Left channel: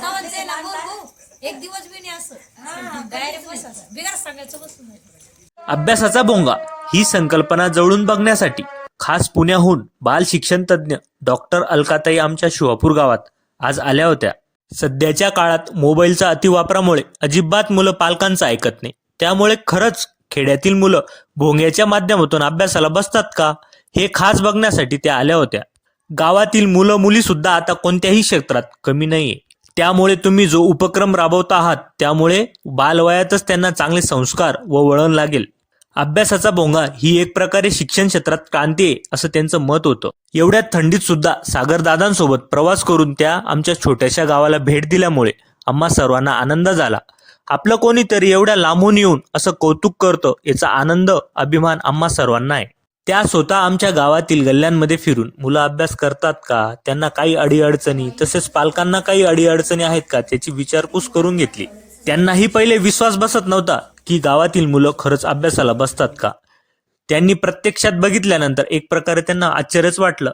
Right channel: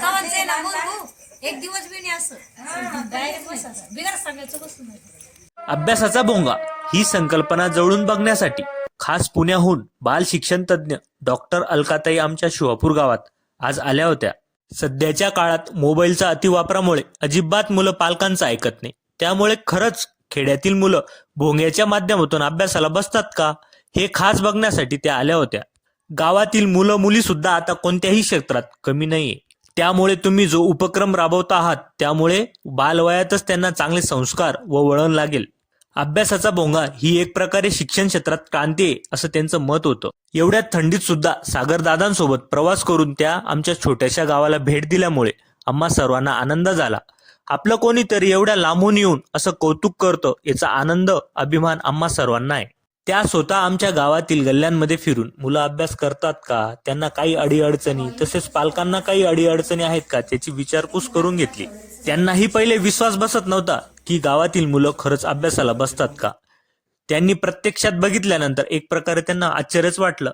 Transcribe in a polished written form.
कवच आहे ना बोलू एक दिवस बी नाही असं डायरेक्ट बसायचं बिगर सांगायचं बसून नाही. अभ्यासाचा भोंगा ही संकल्पना जवळून बघण्यासाठी खास पुण्याहून बाल शिक्षण तज्ज्ञ डॉक्टर अलकाताई आमच्या शिवापूर गावात आज आल्या होत्या. सध्याच्या काळात मोबाईलच्या अतिवापरामुळे अजिबात मुलं पालकांचं ऐकत नाही. त्यामुळे खरंच खेड्यातील मुलं भोंग्याच्या माध्यमातून अभ्यासाला बसतात का हे खास बघण्यासाठी त्या आल्या होत्या. गावातील मुलं मुली सुद्धा आता कोणत्याही क्षेत्रात कमी नाहीये. त्यामुळे तुम्ही जो उपक्रम राबवता आहात त्यामुळे बालवयातच त्यांना चांगले संस्कार व वळण लागेल. अभ्यासाचा भोंगा ही एक प्रकारे शिक्षण क्षेत्रात क्रांती आहे असं त्यांचं मत होतं. एवढ्या थंडीत सुद्धा सागरदादांसोबत प्रवास करून त्या आमच्या छोट्याशा गावाला भेट दिल्यामुळे आम्हा सर्वांना आनंद झाला. आपलं कोणीतरी एवढ्या लांबून येऊन असं कौतुक करतं याचा आनंद अभिमान आम्हा सर्वांना आहे. त्या स्वतः आमच्या गावातील गल्ल्यांमध्ये फिरून मुलं अभ्यास करतात का, त्यांना काही अडीअडचणी तसेच पालकांना काही अडीअडचणी आहेत का त्याची विचारपूस करून घेतली. त्यांनाही पहिले विश्वास बसत नव्हता की गावातील मुलं खरंच अभ्यासाला बसतात का. त्यांनी प्रत्यक्षात बघितल्यानंतर एक प्रकारे त्यांना आश्चर्यच वाटलं.